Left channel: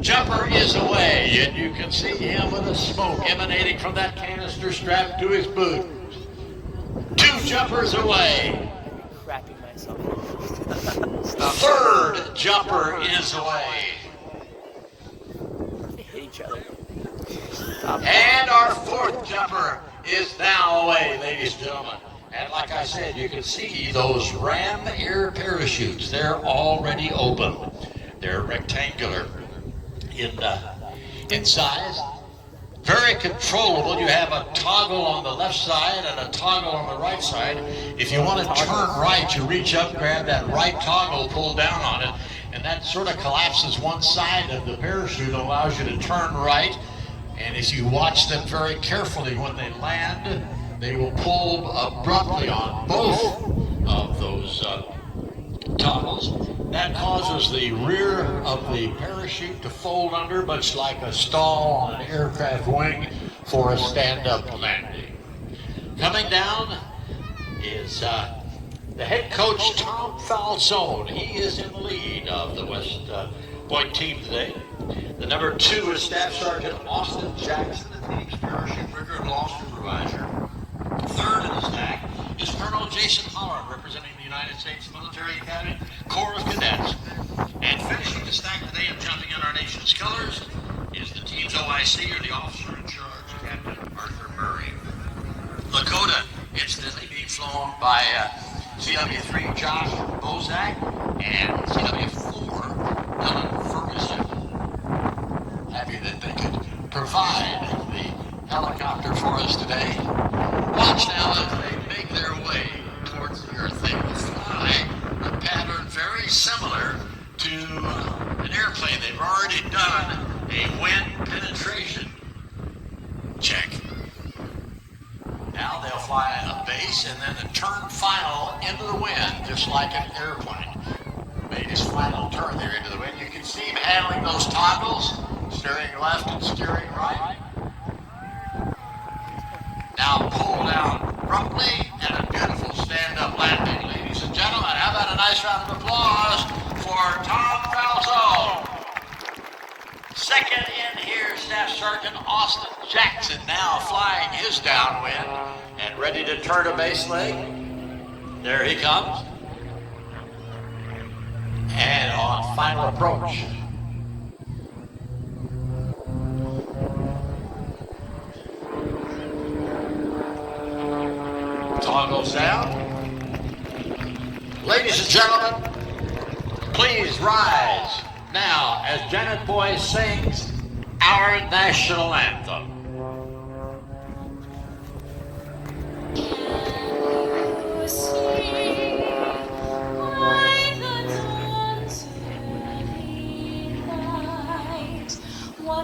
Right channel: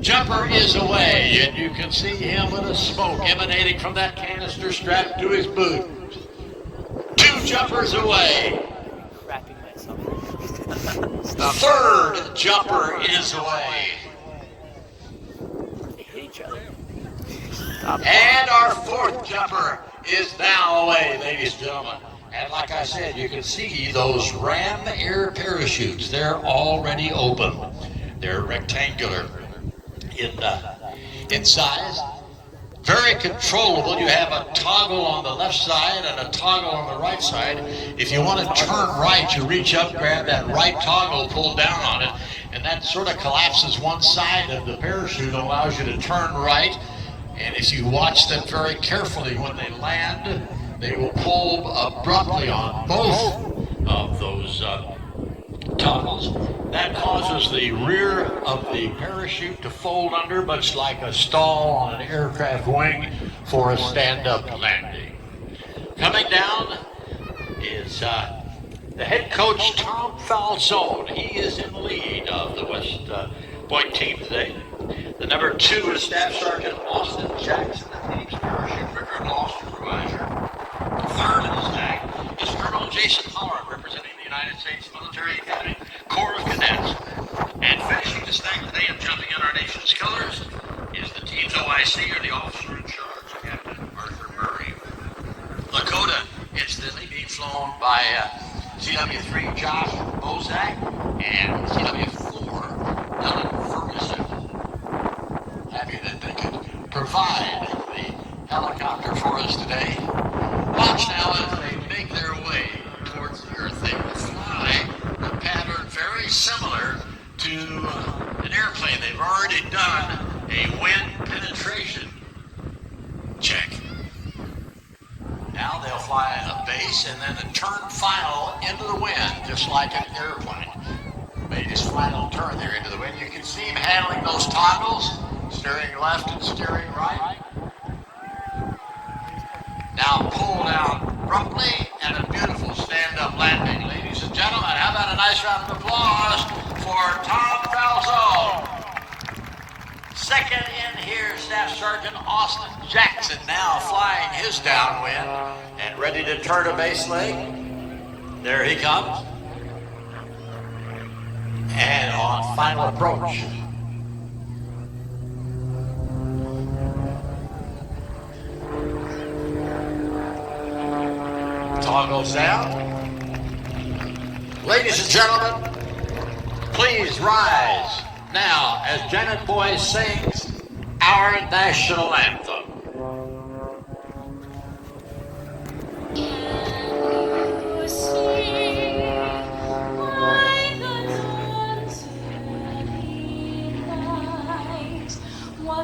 Jumper is away, and you can see him with a smoke emanating from that canister strapped to his boot. 2 jumpers away. The 3rd jumper is away. And our 4th jumper is now away, ladies and gentlemen. And like I said, you can see those Ram Air parachutes. They're already open. They're rectangular in size. Very controllable. You have a toggle on the left side and a toggle on the right side. If you want to turn right, you reach up, grab that right toggle, pull down on it, and that sort of collapses one side of the parachute, allows you to turn right. And if you watch them very carefully when they land, they will pull abruptly on both of those toggles. That causes the rear of the parachute to fold under, much like a stall on an aircraft wing for a stand-up landing. Coming down is the head coach, Tom Falzone. He is in the lead of the West Point team today. The number 2 is Staff Sergeant Austin Jackson, the team's parachute rigger and law supervisor. The 3rd in the stack is Colonel Jason Howard, representing the United States Military Academy Corps of Cadets. And finishing the stack today and jumping in our nation's colors is the team's OIC, or the officer in charge, Captain Arthur Murray. Lakota incidentally being flown by CW3 Josh Bozak and CW4 Alan Ferguson. Happy that they could provide the helicopter for us today. Watch now as they make their way towards the Earth. They will fly a pattern very similar to an airplane. They've already done a wind penetration check. Now they'll fly a base and then a turn final into the wind, just like an airplane. Made his final turn there into the wind. You can see him handling those toggles, steering left and steering right. Now pull down abruptly and a beautiful stand-up landing. Ladies and gentlemen, how about a nice round of applause for Tom Falzone. Second in here, Staff Sergeant Austin Jackson, now flying his downwind and ready to turn a base leg. There he comes. And on final approach. Toggles down. Ladies and gentlemen, please rise now as Janet Boyce sings our national anthem.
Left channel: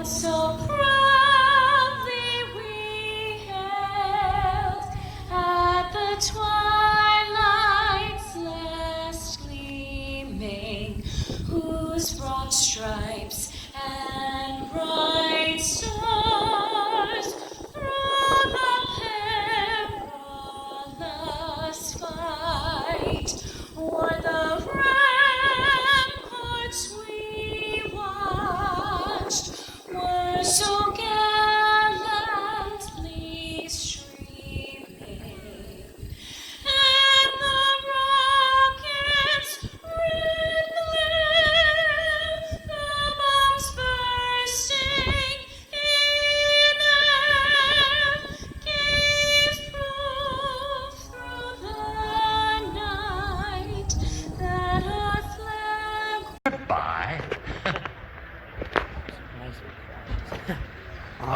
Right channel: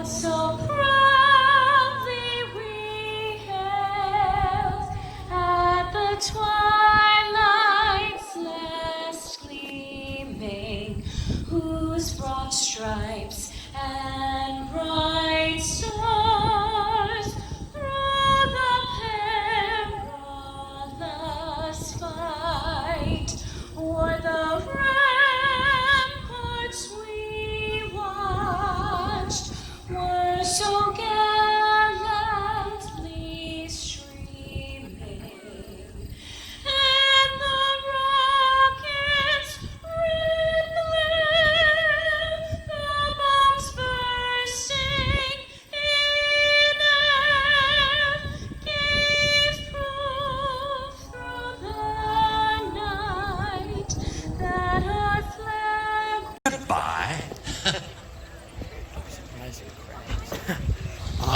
So proudly we hailed at the twilight's last gleaming, whose broad stripes and bright stars through the perilous fight o'er the ramparts we watched. Were so gallantly streaming, and the rockets' red glare, the bombs bursting in air, gave proof through the night that our flag. Goodbye.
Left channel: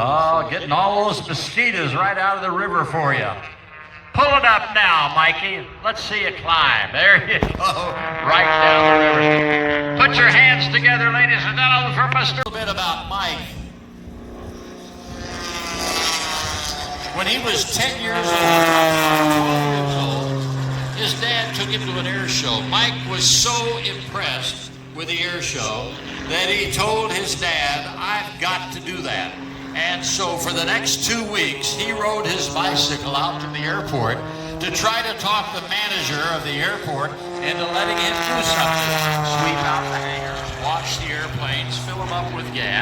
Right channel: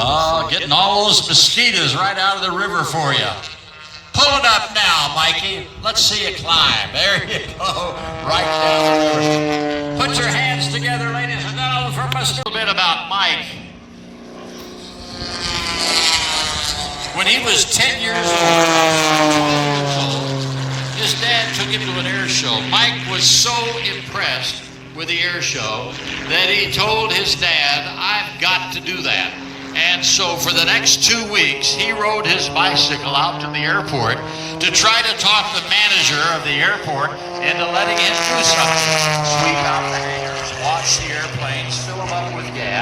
Oh, getting all those mosquitoes right out of the river for you. Pull it up now, Mikey. Let's see you climb. There you go. Right down the river. Put your hands together, ladies and gentlemen, for Mr. A bit about Mike. When he was 10 years old, his dad took him to an air show. Mike was so impressed with the air show that he told his dad, "I've got to do that." And so for the next 2 weeks, he rode his bicycle out to the airport to try to talk the manager of the airport into letting him do something. Sweep out the hands, watch the airplanes, fill them up with gas.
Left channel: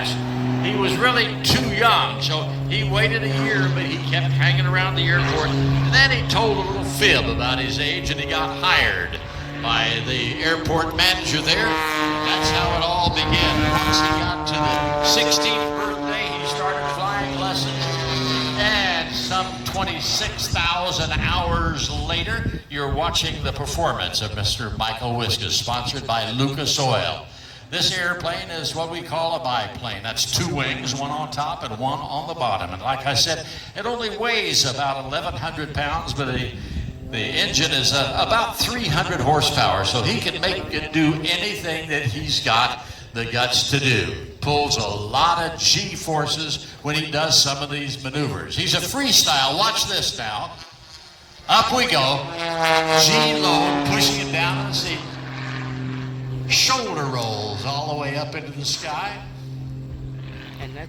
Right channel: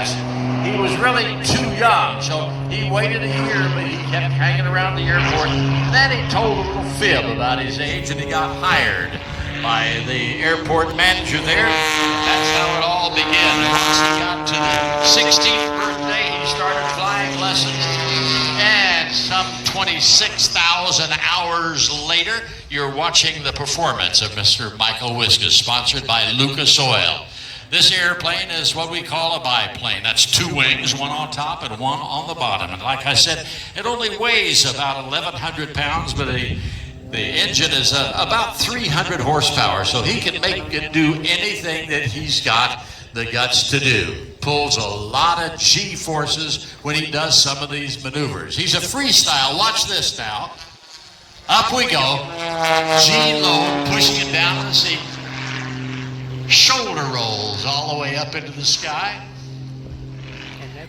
really too young. So he waited a year, but he kept hanging around the airport. Then he told a little fib about his age, and he got hired by the airport manager there. That's how it all began. Once he got to the 16th birthday, he started flying lessons. And some 26,000 hours later, you're watching the performance of Mr. Michael Wiskus, sponsored by Lucas Oil. This airplane is what we call a biplane. That's two wings, one on top and one on the bottom. And like I said, it only weighs about 1,100 pounds, but the engine is about 300 horsepower, so he can make it do anything that he's got the guts to do. Pulls a lot of G-forces when he does some of these maneuvers. He's a freestyle. Watch this now. Up we go. G-load, pushing it down in the seat. Shoulder rolls all the way up into the sky.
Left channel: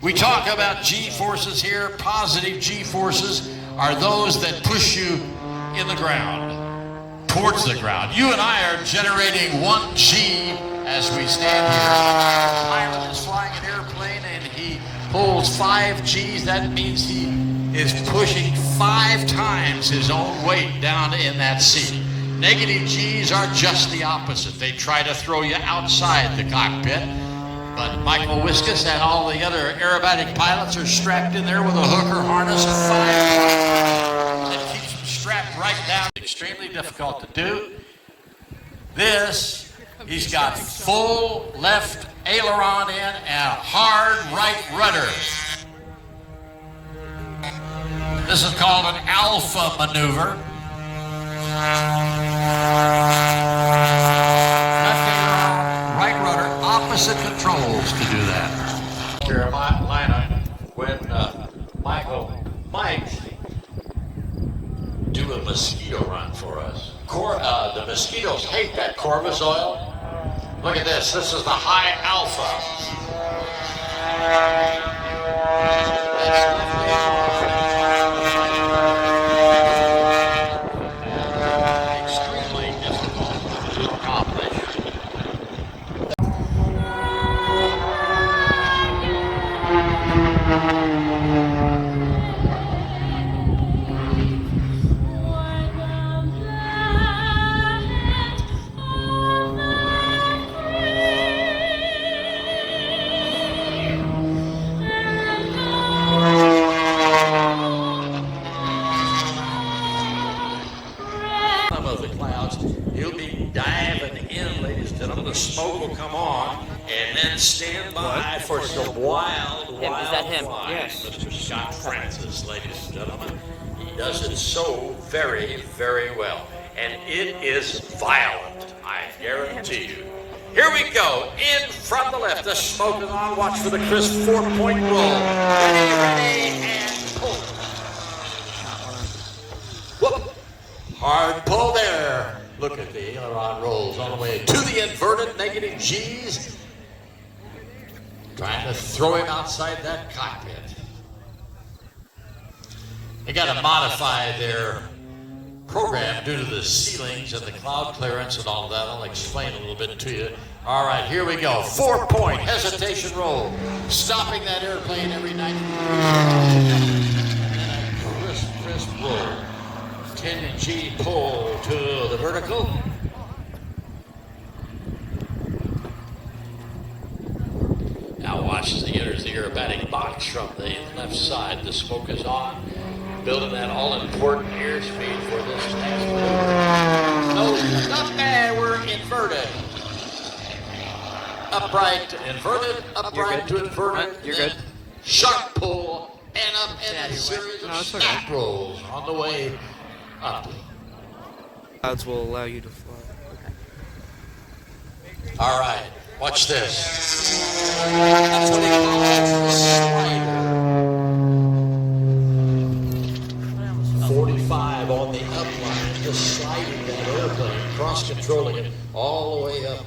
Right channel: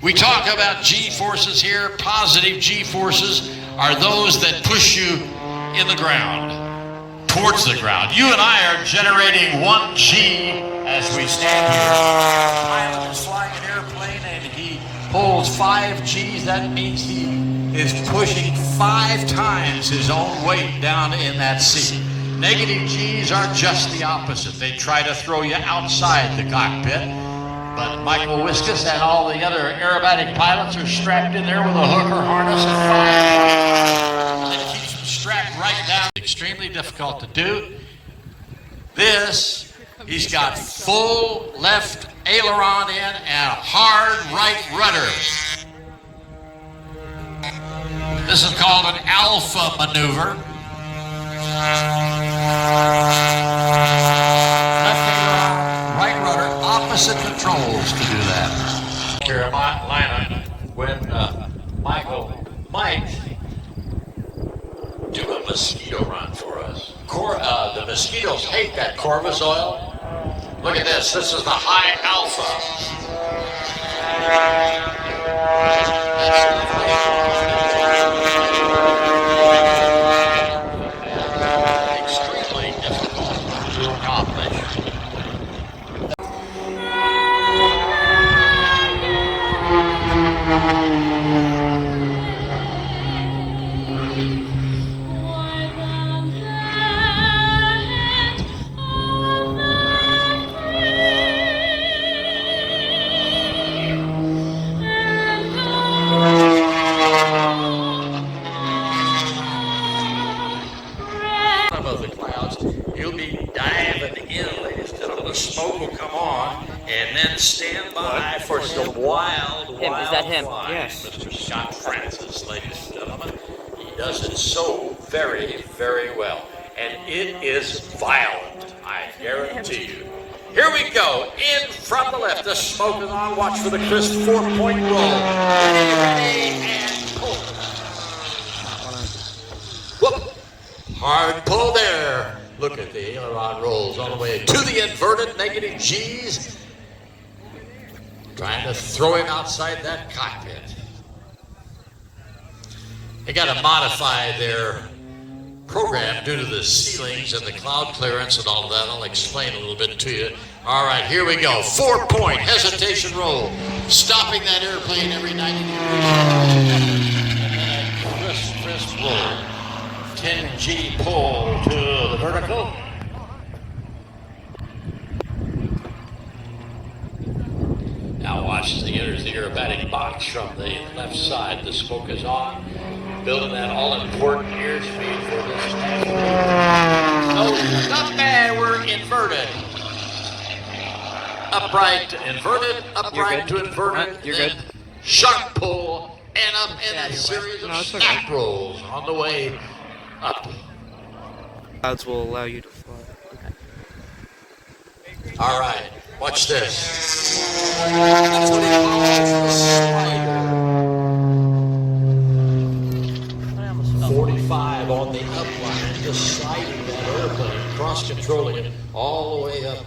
We talk about G-forces here. Positive G-forces are those that push you in the ground, towards the ground. You and I are generating 1 G as we stand here. Pilot is flying an airplane and he pulls 5 Gs. That means he is pushing 5 times his own weight down in that seat. Negative Gs are just the opposite. They try to throw you outside the cockpit. But Michael Wiskus and all the other aerobatic pilots are strapped in there with a hook or harness of 5 that keeps them strapped right down. Extremely difficult to do. This, he's got full left aileron in and hard right rudder. This is called an alpha maneuver. Left aileron, right rudder, opposite controls to do that. Carolina, when Michael might do a mosquito run for us. The mosquitoes hate that Corvus oil. Look at this. This is the high alpha. Extremely difficult to accomplish. You'll be diving in, ladies and gentlemen. The smoke will come on, and then stand by for some wild Is that him? flies. Yes. Mr. Scott Francis, ladies and gentlemen. He does it so very, very well. And it is violent, I guarantee you. Here we go. In from the left. The smoke is on. Watch for the crisp 4-point roll. Ready and pull. Whoop. Hard pull there. Look at the aileron rolls all the way to the inverted negative G's. Trying to throw him outside that cockpit. They got to modify their program due to the ceilings and the cloud clearance and all of that. I'll explain a little bit to you. All right, here we go. 4-point hesitation roll. Stopping that airplane every 90 degrees. Crisp roll. 10G pull to the vertical. Now watch as he enters the aerobatic box from the left side. The smoke is on. Building that all-important airspeed for this athlete. No, not bad. We're inverted. Upright to inverted. Upright to inverted. You're good. Sharp pull. And up in a series of snap rolls on the way up. Clouds will allow you to fly. All right, watch this. That's what he calls the slider. 45 on the upline, just sliding the airplane, cross-controlling it all the way up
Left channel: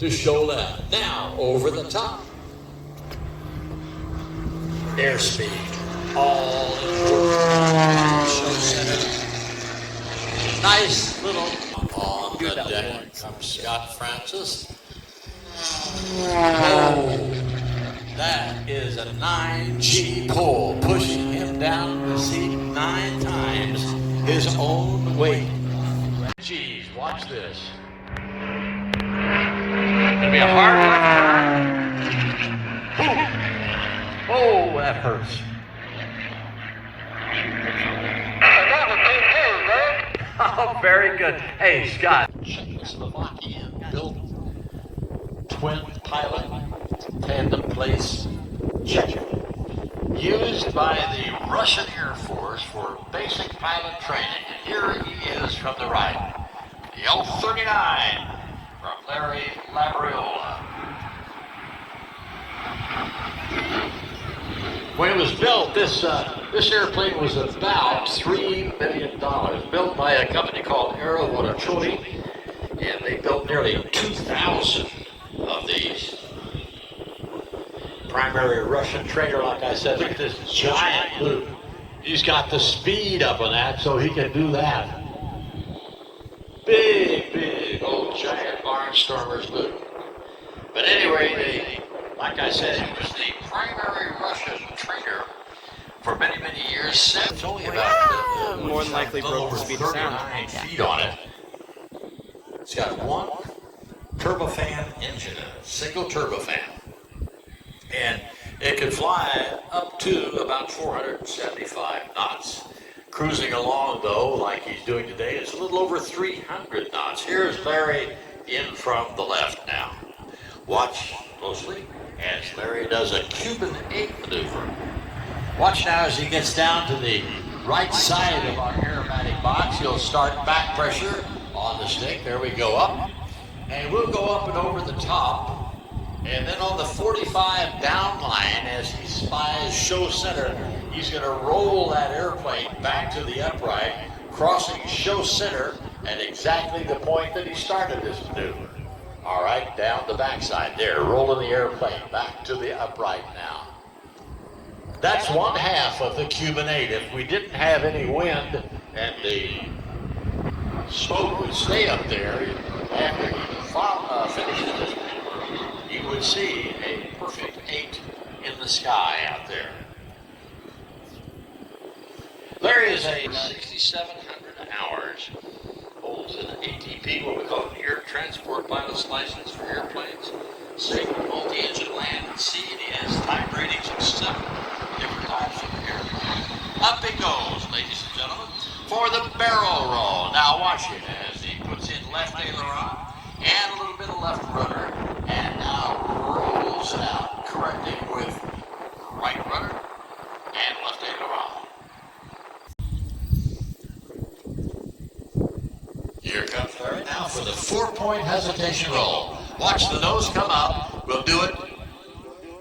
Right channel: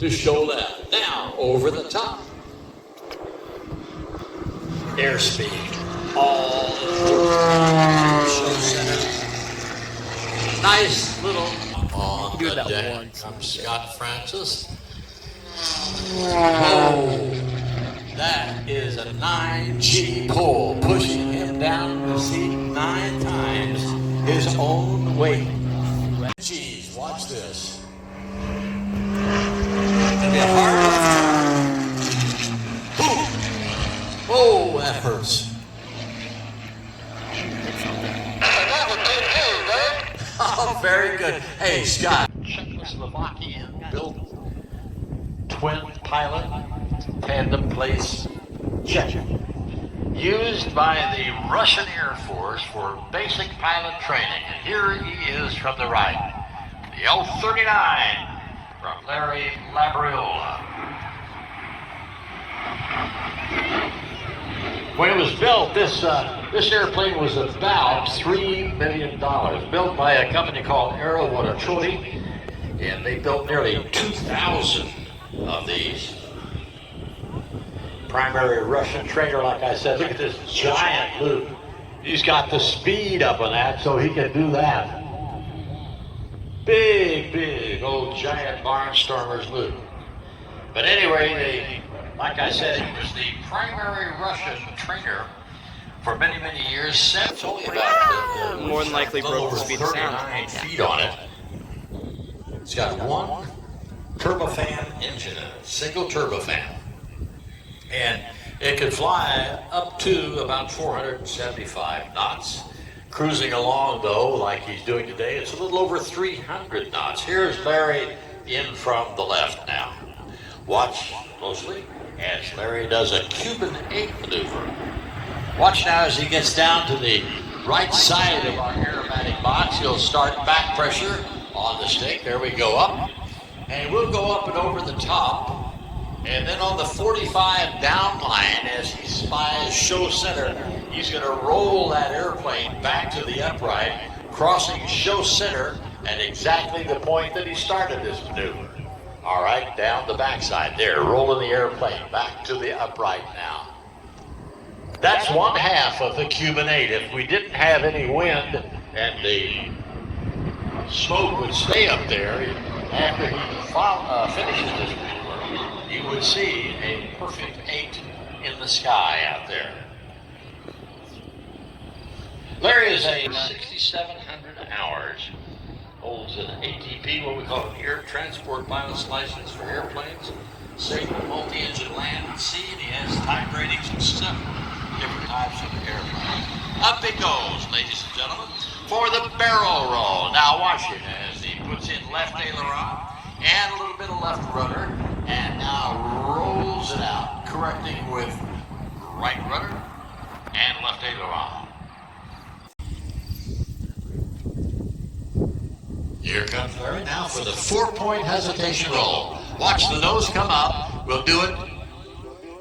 to show left. Now, over the top. Airspeed. All show center. Nice little on the deck from Scott Francis. Oh, that is 9G pull, pushing him down the seat 9 times his own weight. Geez, watch this. Gonna be a hard left turn. Boom. Oh, that hurts. Oh, very good. Hey, Scott. Czechoslovakian built twin pilot tandem place jet used by the Russian Air Force for basic pilot training. And here he is from the right. The L-39 from Larry Labriola. When it was built, this airplane was about $3 million, built by a company called Aerovonatori, and they built nearly 2,000 of these. Primary Russian trainer, like I said. Look at this giant loop. He's got the speed up on that, so he can do that. Big, old giant barnstormer's loop. But anyway, like I said, he was the primary Russian trainer for many, many years. It's only about More than likely broke the speed of sound. 39 feet on it. It's got one turbofan engine in it, single turbofan. And it can fly up to about 475 knots. Cruising along, though, like he's doing today, it's a little over 300 knots. Here's Larry in from the left now. Watch closely as Larry does a Cuban 8 maneuver. Watch now as he gets down to the right side of our aerobatic box. He'll start back pressure on the stick. There we go up. And we'll go up and over the top. And then on the 45 down line, as he spies show center, he's going to roll that airplane back to the upright, crossing show center at exactly the point that he started this maneuver. All right, down the backside there, rolling the airplane back to the upright now. That's one half of the Cuban 8. If we didn't have any wind and the smoke would stay up there after he finishes this maneuver, you would see a perfect 8 in the sky out there. Larry is a 6,700 hours. Holds an ATP, what we call an air transport pilot's license for airplanes. Safe multi-engine land at sea, and he has type ratings of 7 different types of airplanes. Up he goes, ladies and gentlemen, for the barrel roll. Now watch him as he puts in left aileron and a little bit of left rudder, and now rolls it out, correcting with right rudder and left aileron. Here comes Larry now for the 4-point hesitation roll. Watch the nose come up. We'll do it.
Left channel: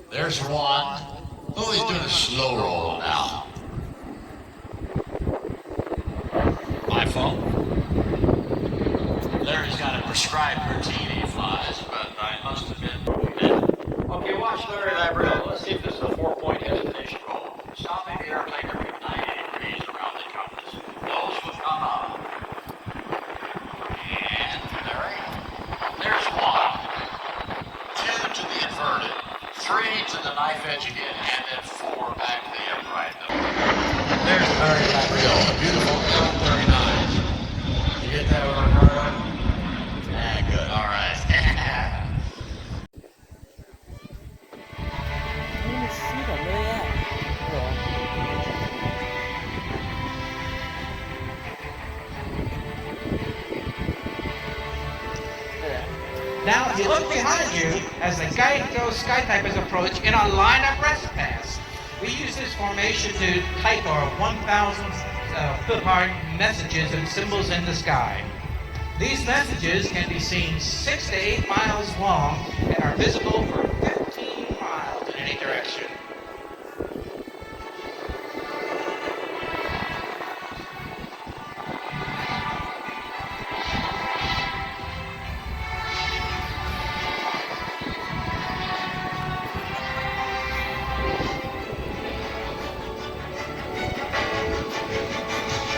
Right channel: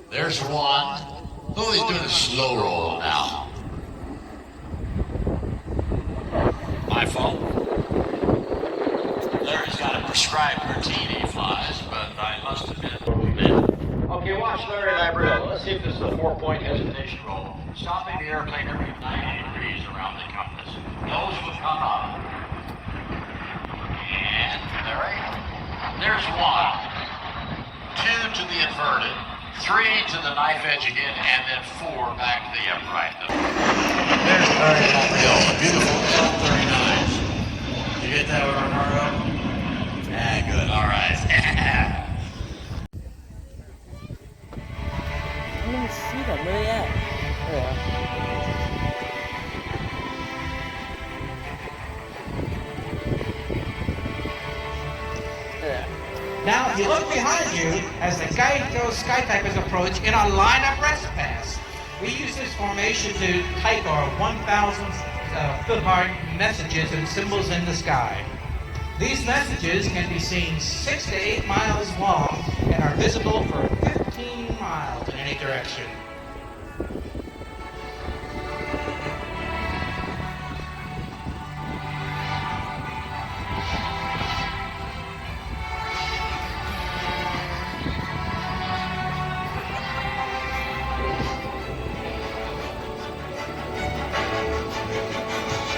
There's one. Oh, he's doing a slow roll now. My fault. Larry's got a prescribed routine he flies, but I must have been. Okay, watch Larry Labriola. Let's see if this is a 4-point hesitation roll. Stopping the airplane to be 90 degrees around the compass. Nose will come up. And there's 1, 2 to the inverted, 3 to the knife edge again, and then 4 back to the upright. There's Larry Labriola. Beautiful. Very nice. You get that one, Marlo? Yeah, good. All right. I didn't see that. Where are you at? There. Now, if you look behind you, as the those skytypers approach in a line-up rest pass, we use this formation to type our 1,000 foot-hard messages and symbols in the sky. These messages can be seen 6 to 8 miles long and are visible for 15 miles in any direction.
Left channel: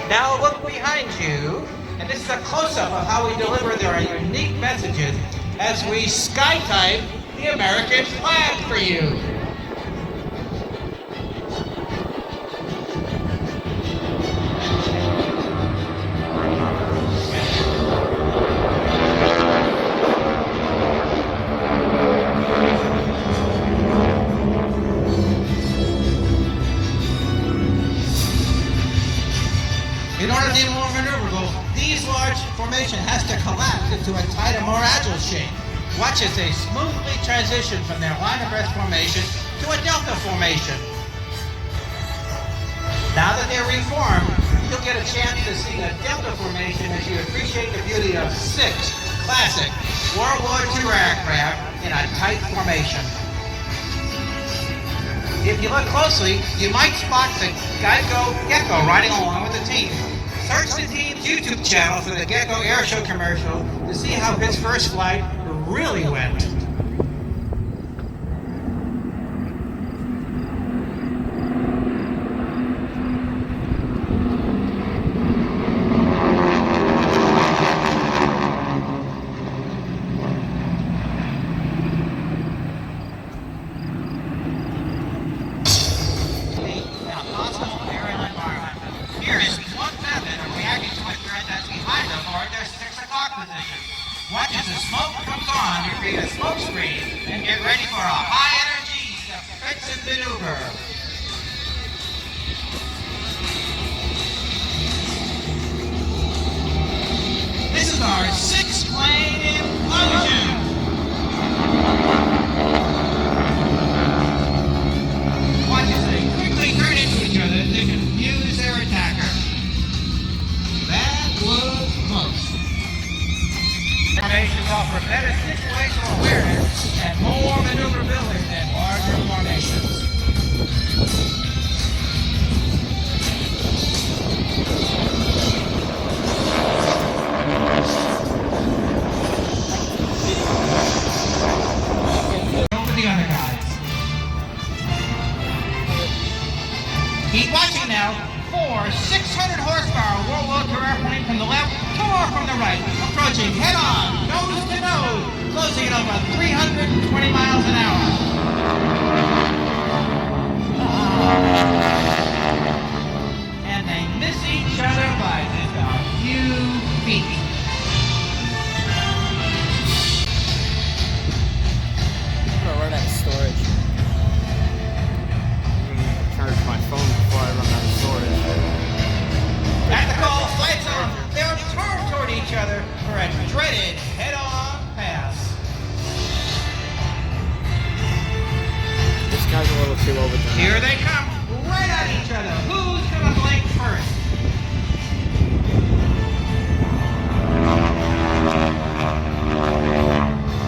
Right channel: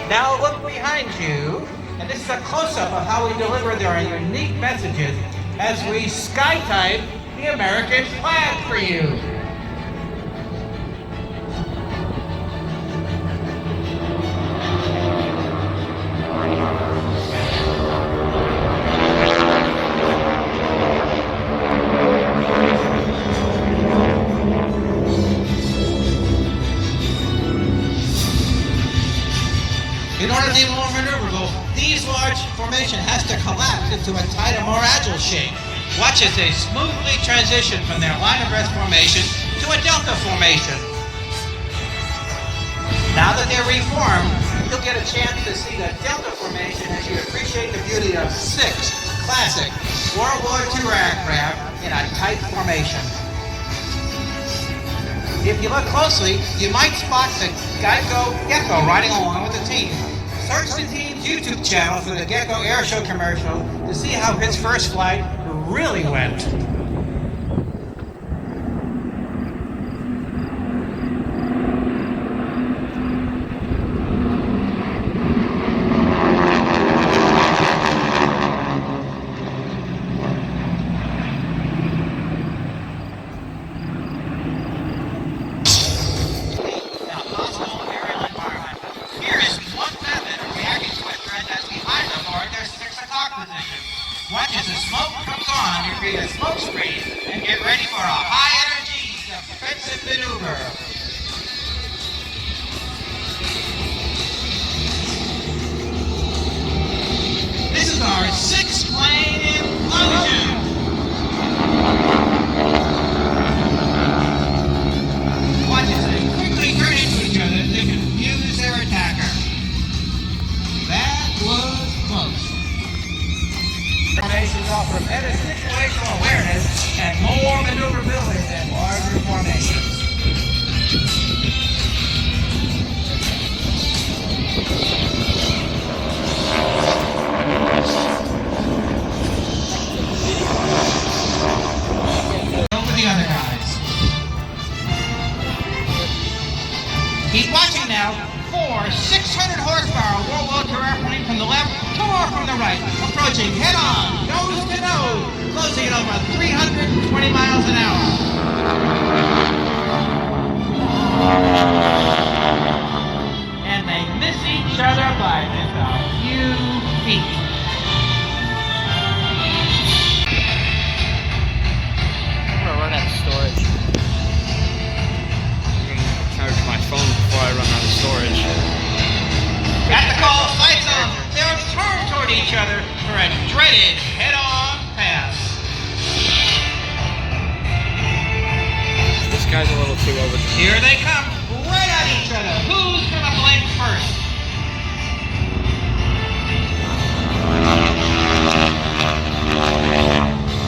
Now look behind you, and this is a close-up of how we deliver their unique messages as we skytype the American flag for you. shape. Watch as they smoothly transition from their line abreast formation to a delta formation. Now that they're reformed, you'll get a chance to see the delta formation as you appreciate the beauty of 6 classic World War II aircraft in a tight formation. If you look closely, you might spot the Gecko riding along with the team. Search the team's YouTube channel for the Gecko airshow commercial to see how his first flight really went. Watch as the smoke comes on to create a smoke screen and get ready for a high-energy defensive maneuver. This is our 6th plane implosion. Watch as they quickly turn into each other so they can confuse their attacker. That was close. Formations offer better situational awareness and more maneuverability than larger formations. Over the other guys. Keep watching now. 4 600 horsepower World War II airplane from the left, 4 from the right, approaching head on, nose to nose, closing at over 320 miles an hour. And they miss each other by just a few feet. I'm gonna run out of storage. I'm gonna charge my phone before I run out of storage. At the call, lights on. They're turned toward each other for a dreaded head-on pass. This guy's a little too over the top. Here they come, right at each other. Who's gonna blink first?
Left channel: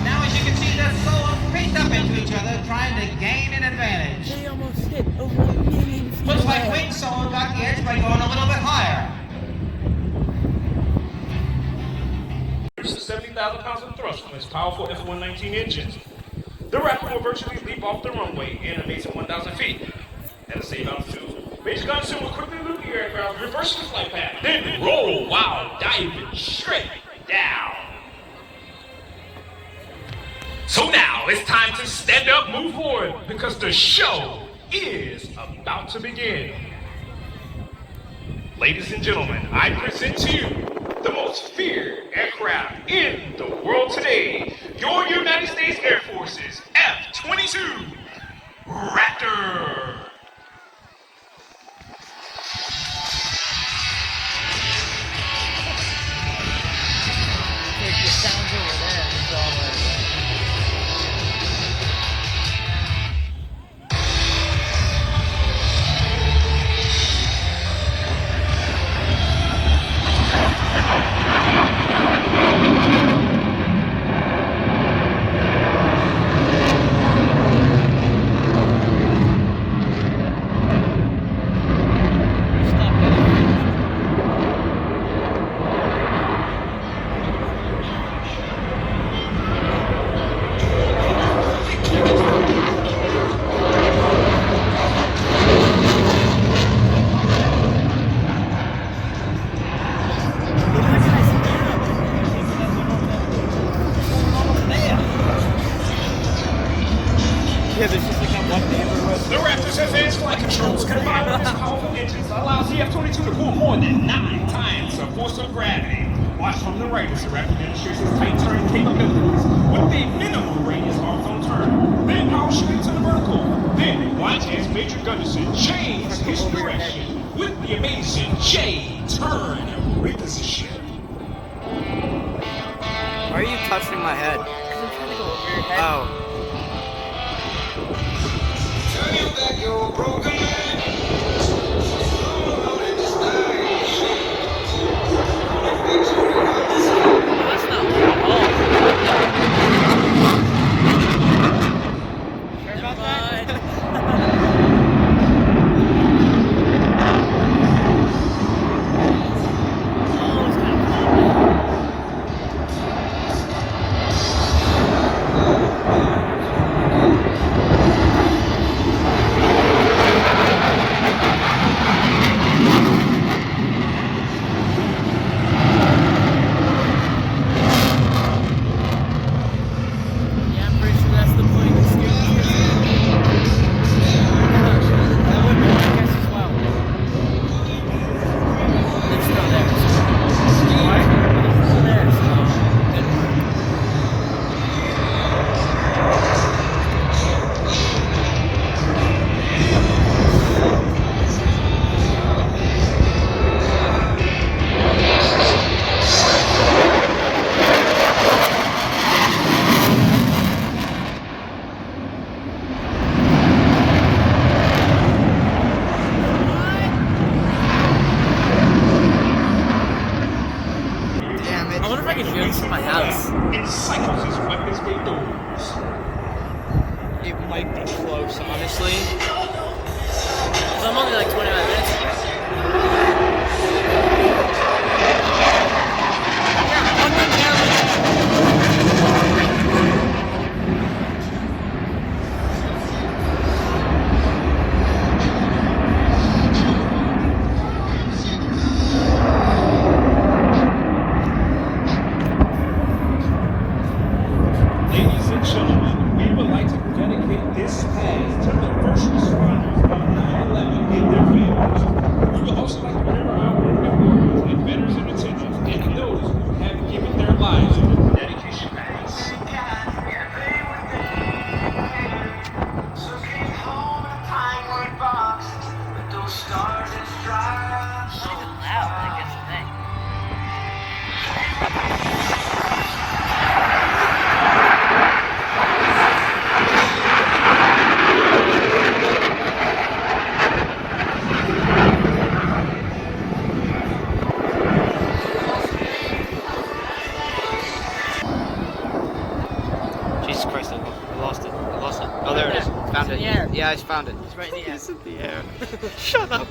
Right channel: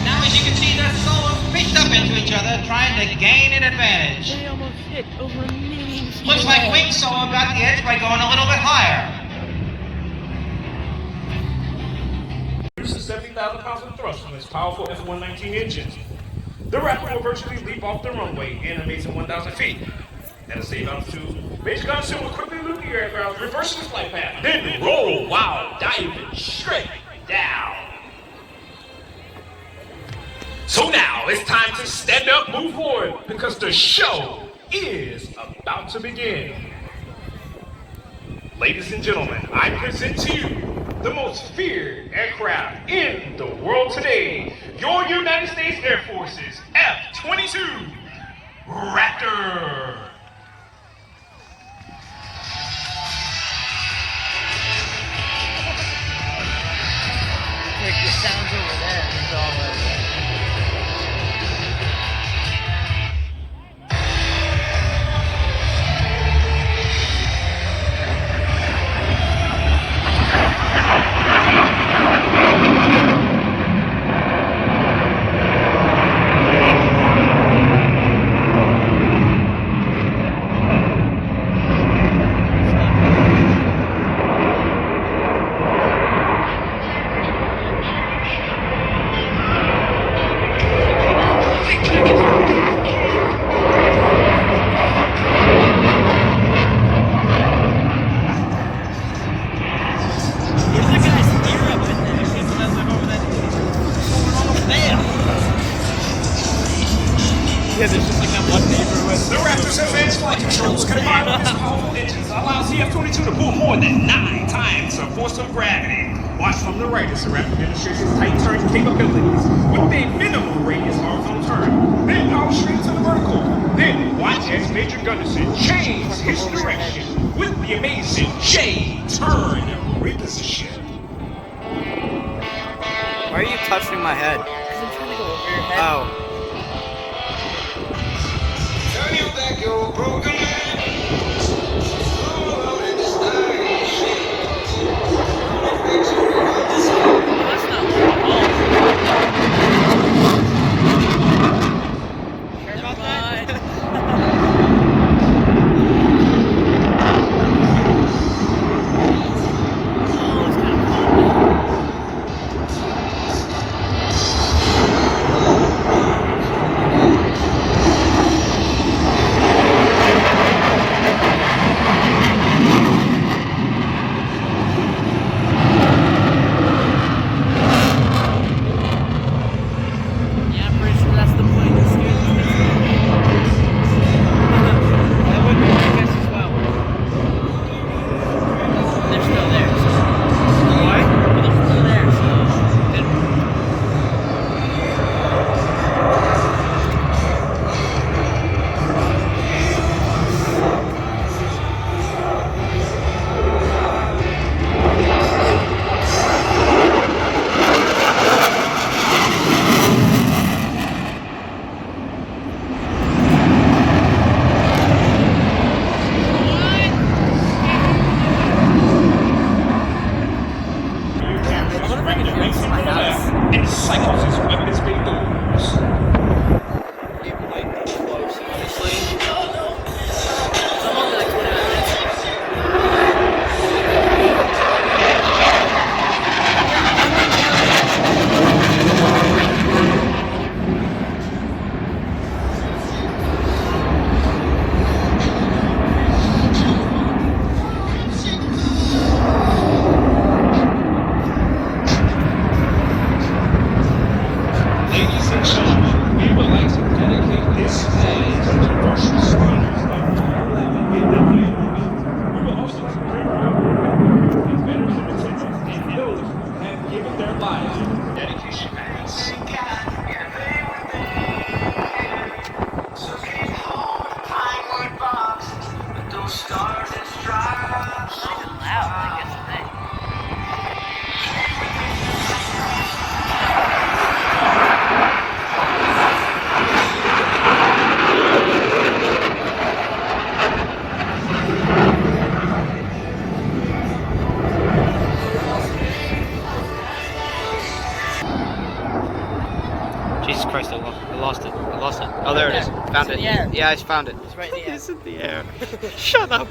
Now, as you can see, they're so pitched up into each other, trying to gain an advantage. They almost hit over me. Looks like Wing Solo got the edge by going a little bit higher. 70,000 pounds of thrust from its powerful F-119 engines. The Raptor will virtually leap off the runway in a massive 1,000 feet. At the same altitude, Major Johnson will quickly loop the aircraft, reverse the flight path, then roll while diving straight down. So now it's time to stand up, move forward, because the show is about to begin. Ladies and gentlemen, I present to you the most feared aircraft in the world today, your United States Air Force's F-22 Raptor. Like the sounds over there. It's all like, yeah, there's just like that one neighborhood. The Raptor's advanced flight controls combined with its powerful engines allows the F-22 to pull more than 9 times the force of gravity. Watch from the right as the Raptor demonstrates its tight turn capabilities with a minimum radius horizontal turn, then downstream to the vertical. Then watch as Major Gunderson changes his direction with the amazing J-turn reposition. Why are you touching my head? Because I'm trying to go over your head. Oh. Well, that's not low at all. Sure about that? Oh, it's kind of cold now. Yeah, I'm pretty sure that's the point of steering this. That would be my guess as well. They're still there, so. What? They're still there, so. Good. Damn, I it's wonder if I can hear this in my house. It cycles his weapons bay doors. It might be close, honestly. I'm only like 20 minutes. Ladies and gentlemen, we would like to dedicate this day to the first responders of 9/11 in review. We would also like to bring you and veterans in attendance and those who have given their lives in the dedication mass. Fucking loud. Jesus Christ, I lost it. I lost it. Oh, there it is. Found it. in the air. Yeah, I found it. It's right in the air. It's in the air. Shut up.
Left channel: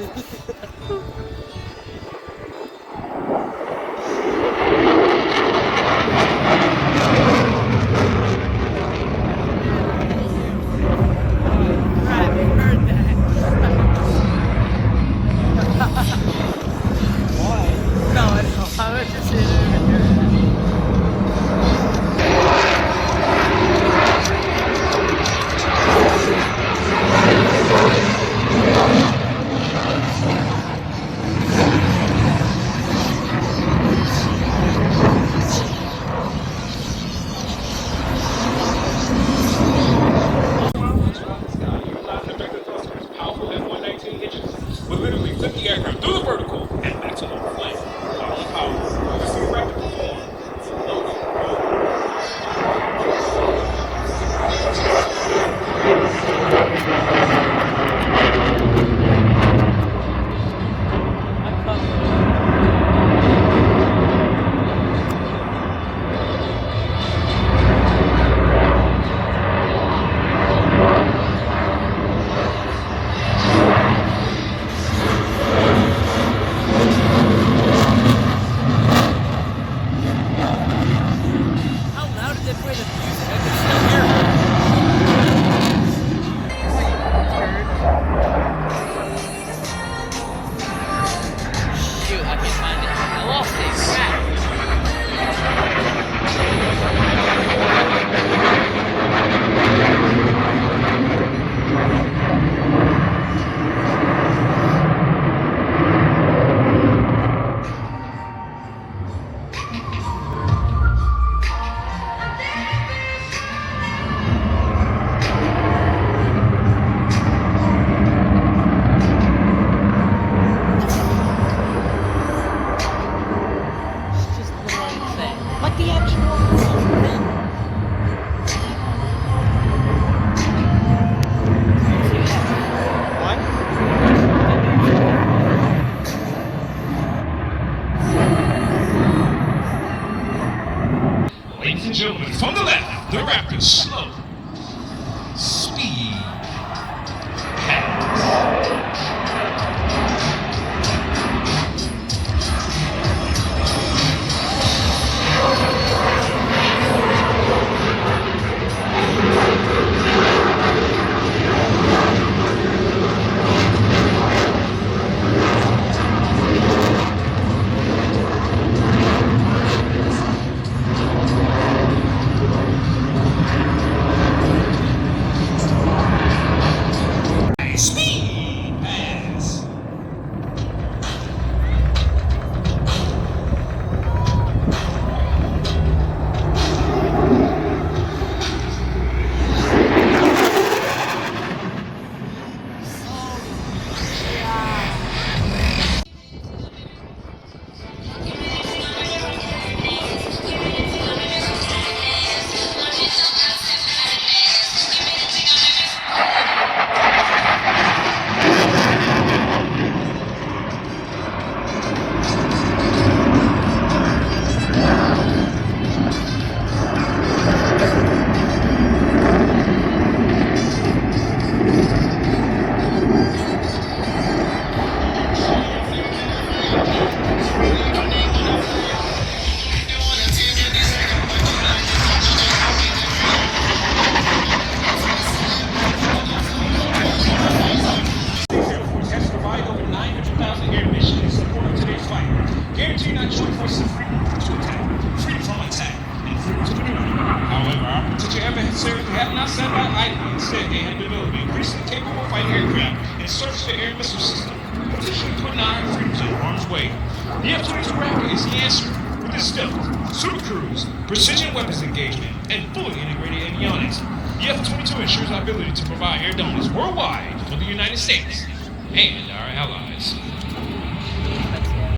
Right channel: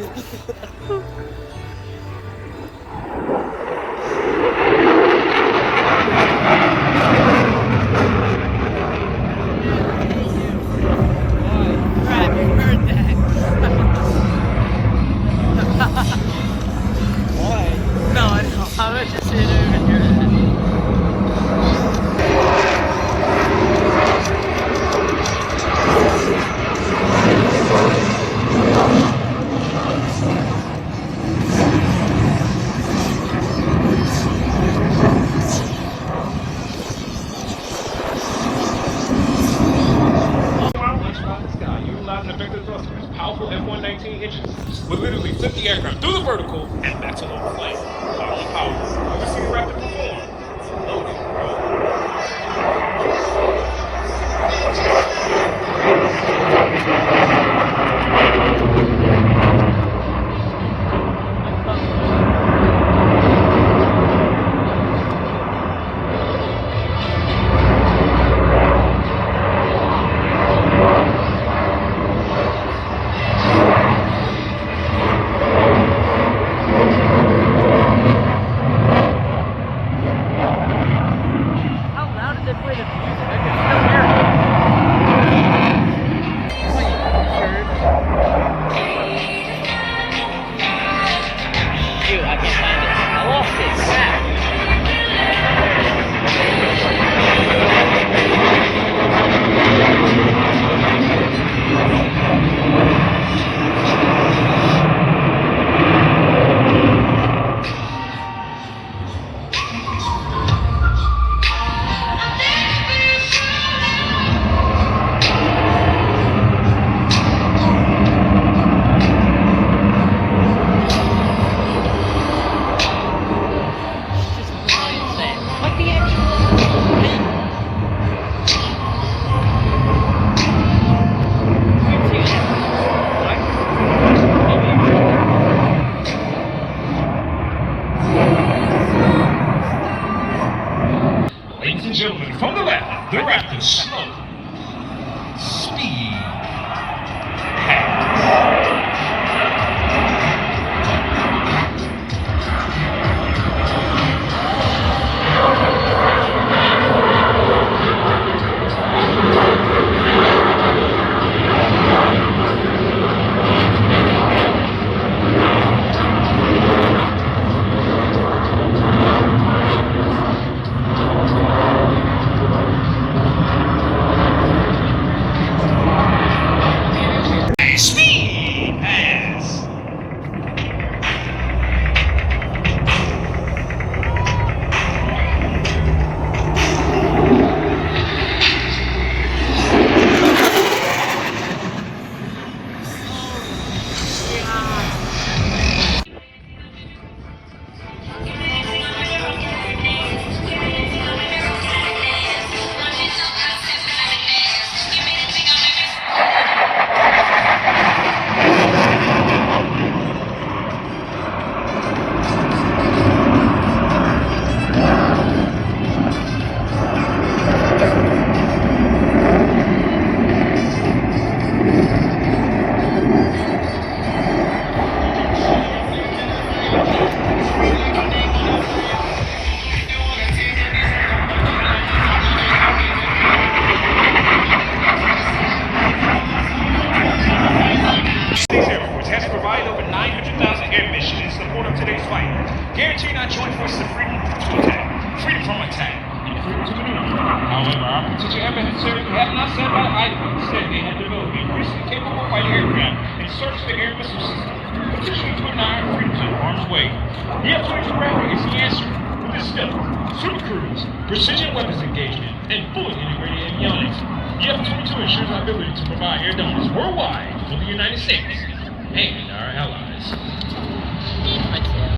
Powerful F-119 engines would literally flip the aircraft through the vertical and back to low flight. Highly powered, overseas rapid performance. Our potential adversaries have not sat by idly. Instead, they have developed increasingly capable fighting aircraft and surface to air missile system, potentially putting our freedoms in harm's way. The F-22 Raptor is the answer. With its stealth, super cruise, precision weapons engagement, and fully integrated avionics, the F-22 ensures our ability to provide air dominance worldwide for the United States and our allies.